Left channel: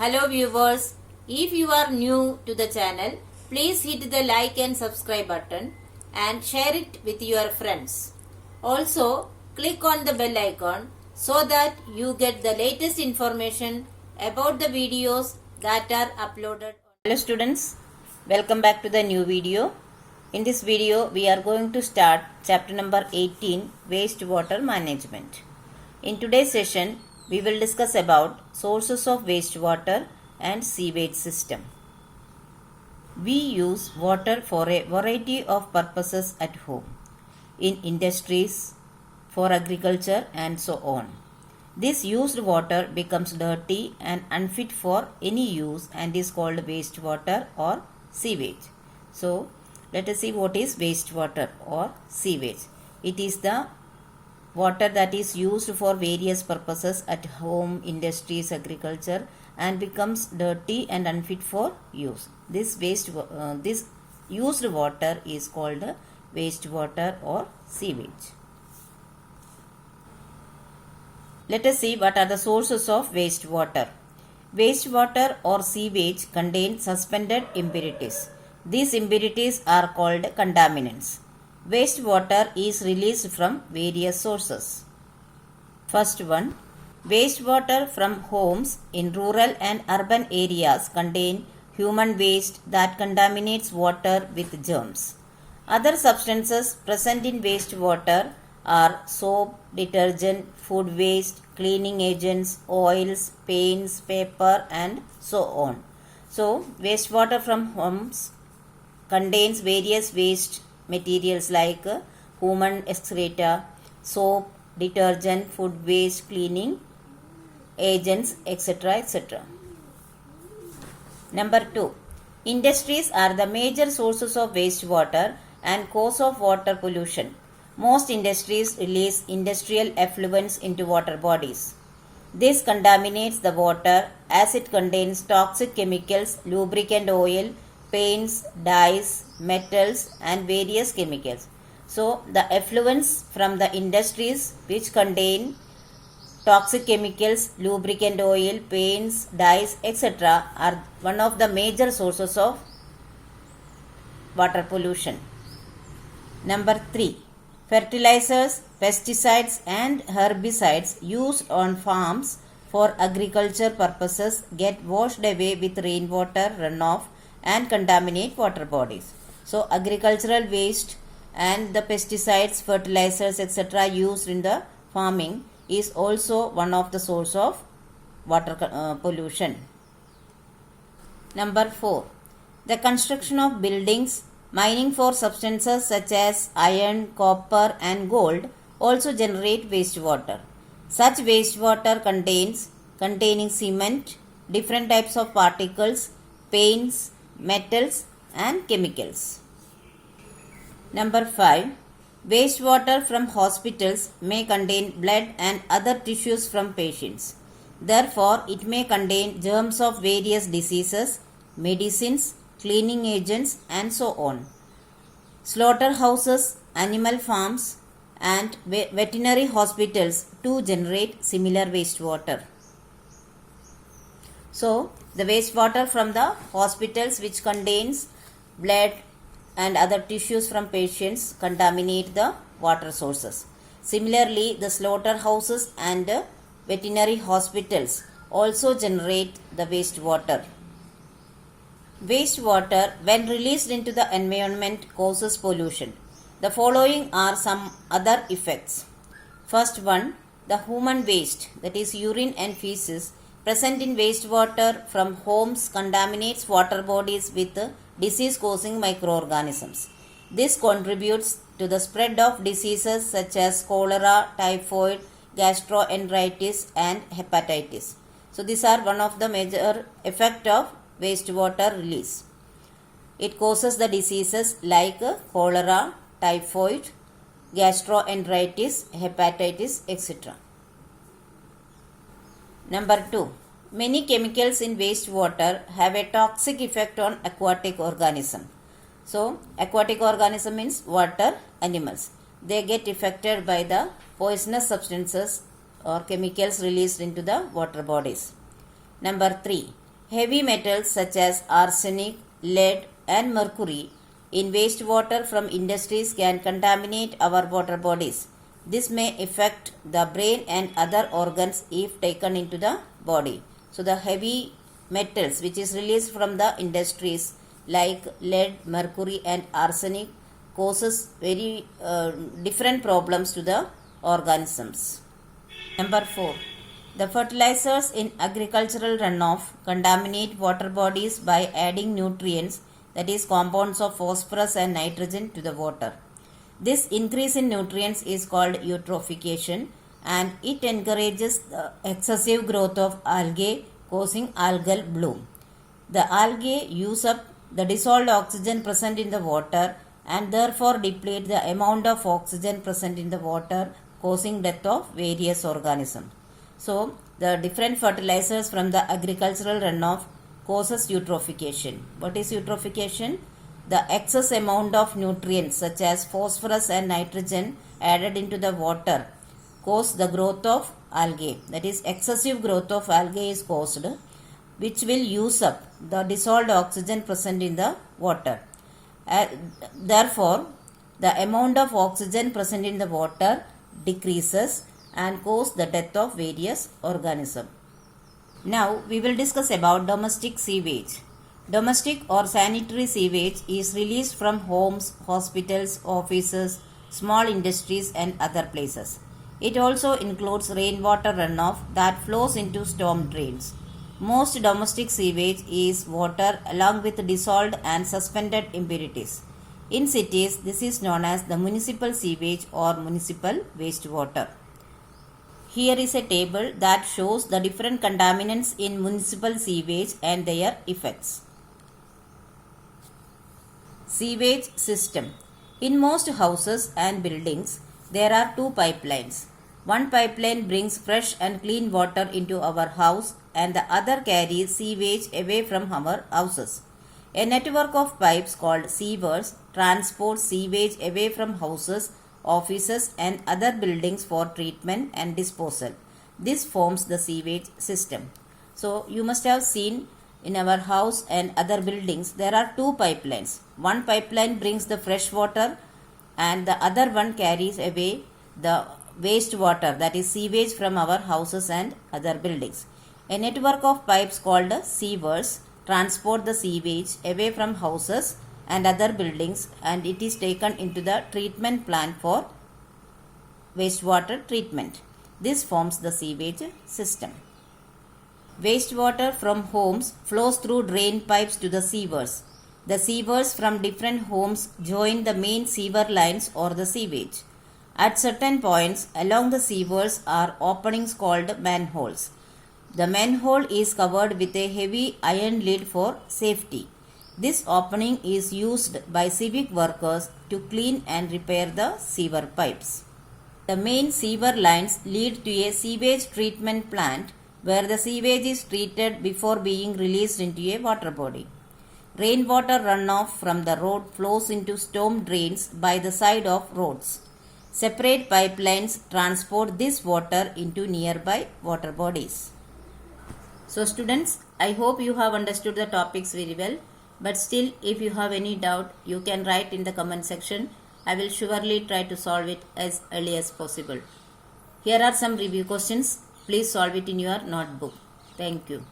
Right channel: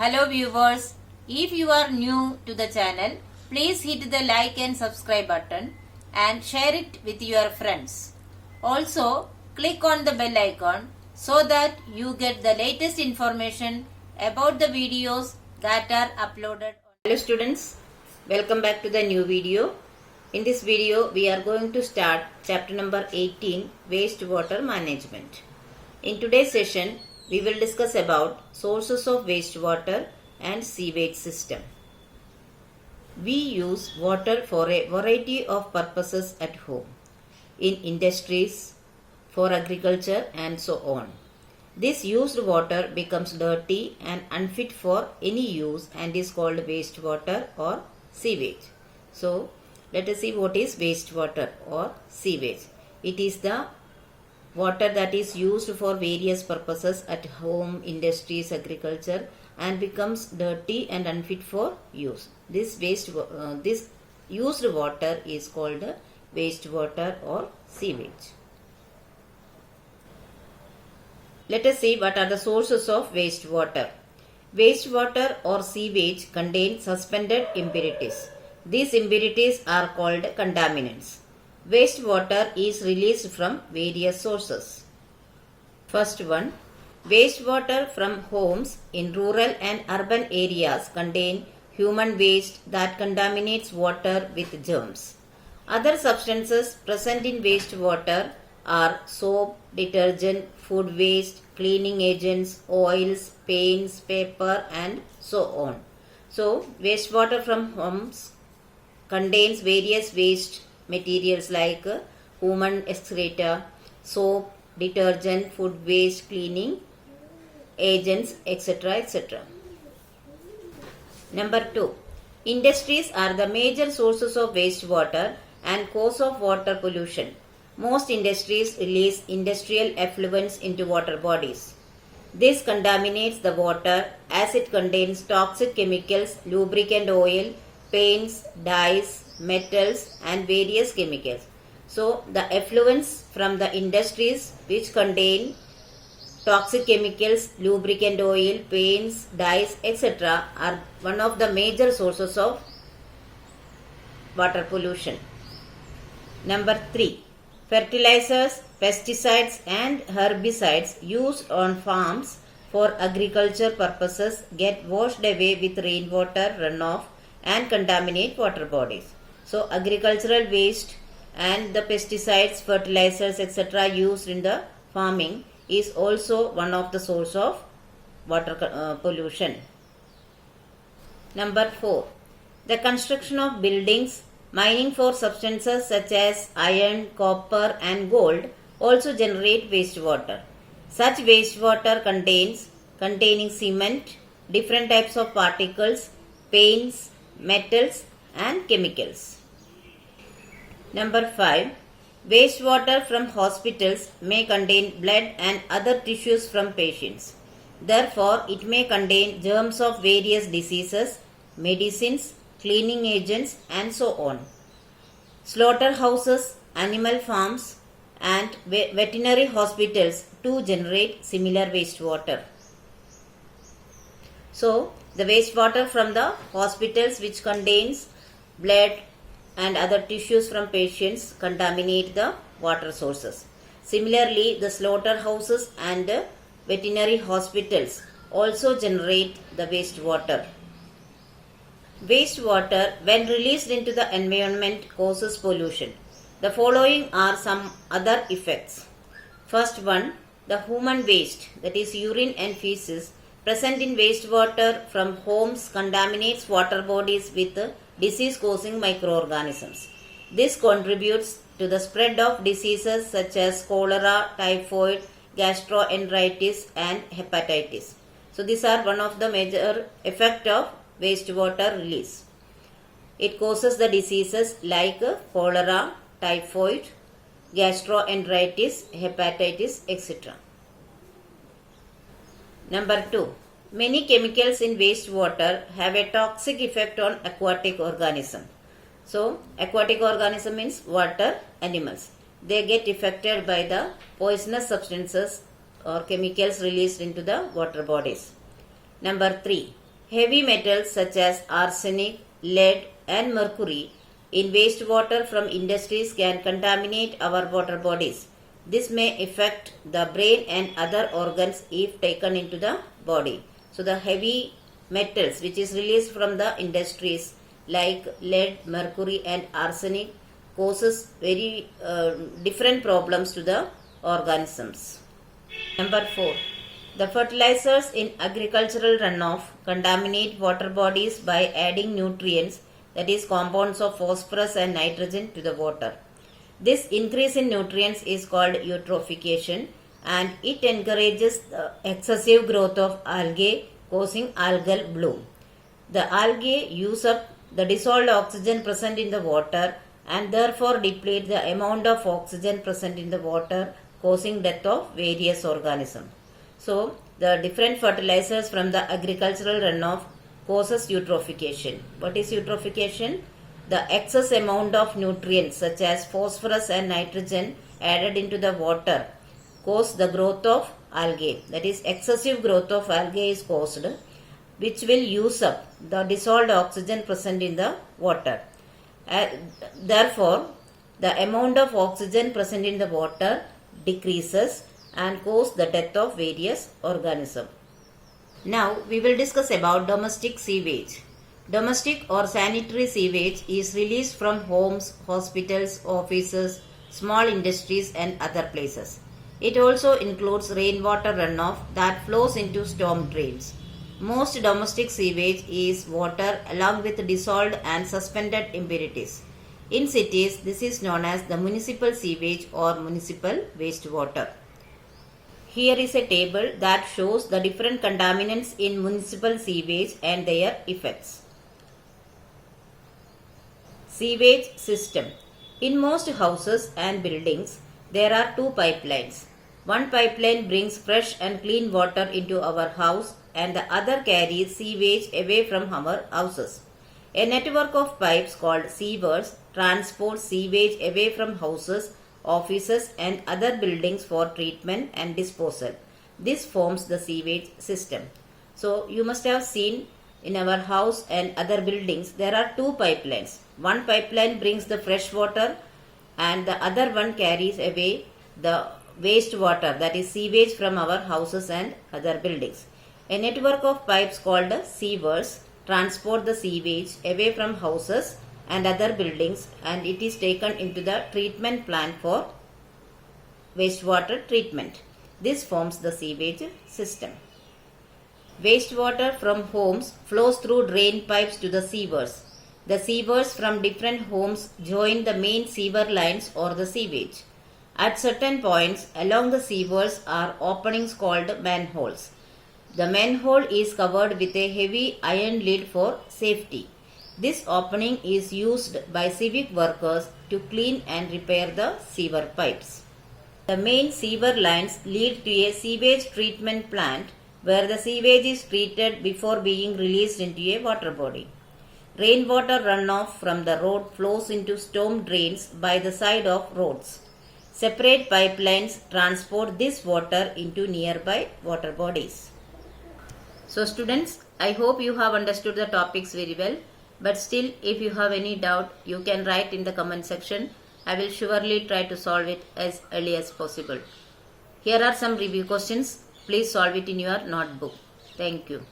Hello viewers, if you are new to the channel, please hit the like and subscribe button and share it with your friends. Also, click on the bell icon so that you get the latest information about the videos that are uploaded. Hello students, welcome back to the new video. In this video, we are going to start chapter number 18, Wastewater Management. In today's session, we will discuss about sources of wastewater and sewage system. We use water for a variety of purposes at home, in industries, for agriculture and so on. This used water becomes dirty and unfit for any use and is called wastewater or sewage. So, let us see what is wastewater or sewage. It is the water that is used for various purposes at home, industries, agriculture and becomes dirty and unfit for use. This used water is called wastewater or sewage. Let us see what are the sources of wastewater. Wastewater or sewage contain suspended impurities. These impurities are called contaminants. Wastewater is released from various sources. First one, wastewater from homes in rural and urban areas contain human waste that contaminates water with germs. Other substances present in wastewater are soap, detergent, food waste, cleaning agents, oils, paints, paper and so on. So, wastewater from homes contains various waste materials like human excreta, soap, detergent, food waste, cleaning agents, etc. etc. Number 2. Industries are the major sources of wastewater and cause of water pollution. Most industries release industrial effluents into water bodies. This contaminates the water as it contains toxic chemicals, lubricant oil, paints, dyes, metals and various chemicals. So, the effluents from the industries which contain toxic chemicals, lubricant oil, paints, dyes, etc. are one of the major sources of water pollution. Number 3. Fertilizers, pesticides and herbicides used on farms for agriculture purposes get washed away with rainwater runoff and contaminate water bodies. So, agricultural waste and the pesticides, fertilizers, etc. used in the farming is also one of the source of water pollution. Number 4. The construction of buildings, mining for substances such as iron, copper and gold also generate wastewater. Such wastewater containing cement, different types of particles, paints, metals and chemicals. Number 5. Wastewater from hospitals may contain blood and other tissues from patients. Therefore, it may contain germs of various diseases, medicines, cleaning agents and so on. Slaughterhouses, animal farms and veterinary hospitals too generate similar wastewater. So, the wastewater from the hospitals which contains blood and other tissues from patients contaminate the water sources. Similarly, the slaughterhouses and veterinary hospitals also generate the wastewater. Wastewater, when released into the environment, causes pollution. The following are some other effects. First one, the human waste, that is urine and feces, present in wastewater from homes contaminates water bodies with disease-causing microorganisms. This contributes to the spread of diseases such as cholera, typhoid, gastroenteritis and hepatitis. So, these are one of the major effects of wastewater release. It causes the diseases like cholera, typhoid, gastroenteritis, hepatitis, etc. Number 2. Many chemicals in wastewater have a toxic effect on aquatic organism. So, aquatic organism means water animals. They get affected by the poisonous substances or chemicals released into the water bodies. Number 3. Heavy metals such as arsenic, lead, and mercury in wastewater from industries can contaminate our water bodies. This may affect the brain and other organs if taken into the body. So the heavy metals which is released from the industries like lead, mercury and arsenic causes very different problems to the organisms. Number 4. The fertilizers in agricultural runoff contaminate water bodies by adding nutrients, that is compounds of phosphorus and nitrogen, to the water. This increase in nutrients is called eutrophication, and it encourages the excessive growth of algae, causing algal bloom. The algae use up the dissolved oxygen present in the water and therefore deplete the amount of oxygen present in the water, causing death of various organisms. So, the different fertilizers from the agricultural runoff causes eutrophication. What is eutrophication? The excess amount of nutrients such as phosphorus and nitrogen added into the water cause the growth of algae. That is, excessive growth of algae is caused, which will use up the dissolved oxygen present in the water. Therefore, the amount of oxygen present in the water decreases and cause the death of various organisms. Now we will discuss about domestic sewage. Domestic or sanitary sewage is released from homes, hospitals, offices, small industries and other places. It also includes rainwater runoff that flows into storm drains. Most domestic sewage is water along with dissolved and suspended impurities. In cities, this is known as the municipal sewage or municipal wastewater. Here is a table that shows the different contaminants in municipal sewage and their effects. Sewage system. In most houses and buildings, there are two pipelines. One pipeline brings fresh and clean water into our house and the other carries sewage away from our houses. A network of pipes called sewers transports sewage away from houses, offices and other buildings for treatment and disposal. This forms the sewage system. So you must have seen in our house and other buildings there are two pipelines. One pipeline brings the fresh water and the other one carries away the wastewater, that is sewage, from our houses and other buildings. A network of pipes called sewers transport the sewage away from houses and other buildings and it is taken into the treatment plant for wastewater treatment. This forms the sewage system. Wastewater from homes flows through drain pipes to the sewers. The sewers from different homes join the main sewer lines or the sewage. At certain points along the sewers are openings called manholes. The manhole is covered with a heavy iron lid for safety. This opening is used by civic workers to clean and repair the sewer pipes. The main sewer lines lead to a sewage treatment plant where the sewage is treated before being released into a water body. Rainwater runoff from the road flows into storm drains by the side of roads. Separate pipelines transport this water into nearby water bodies. So students, I hope you have understood the topics very well. But still, if you have any doubt, you can write in the comment section. I will surely try to solve it as early as possible. Here are some review questions. Please solve it in your notebook. Thank you.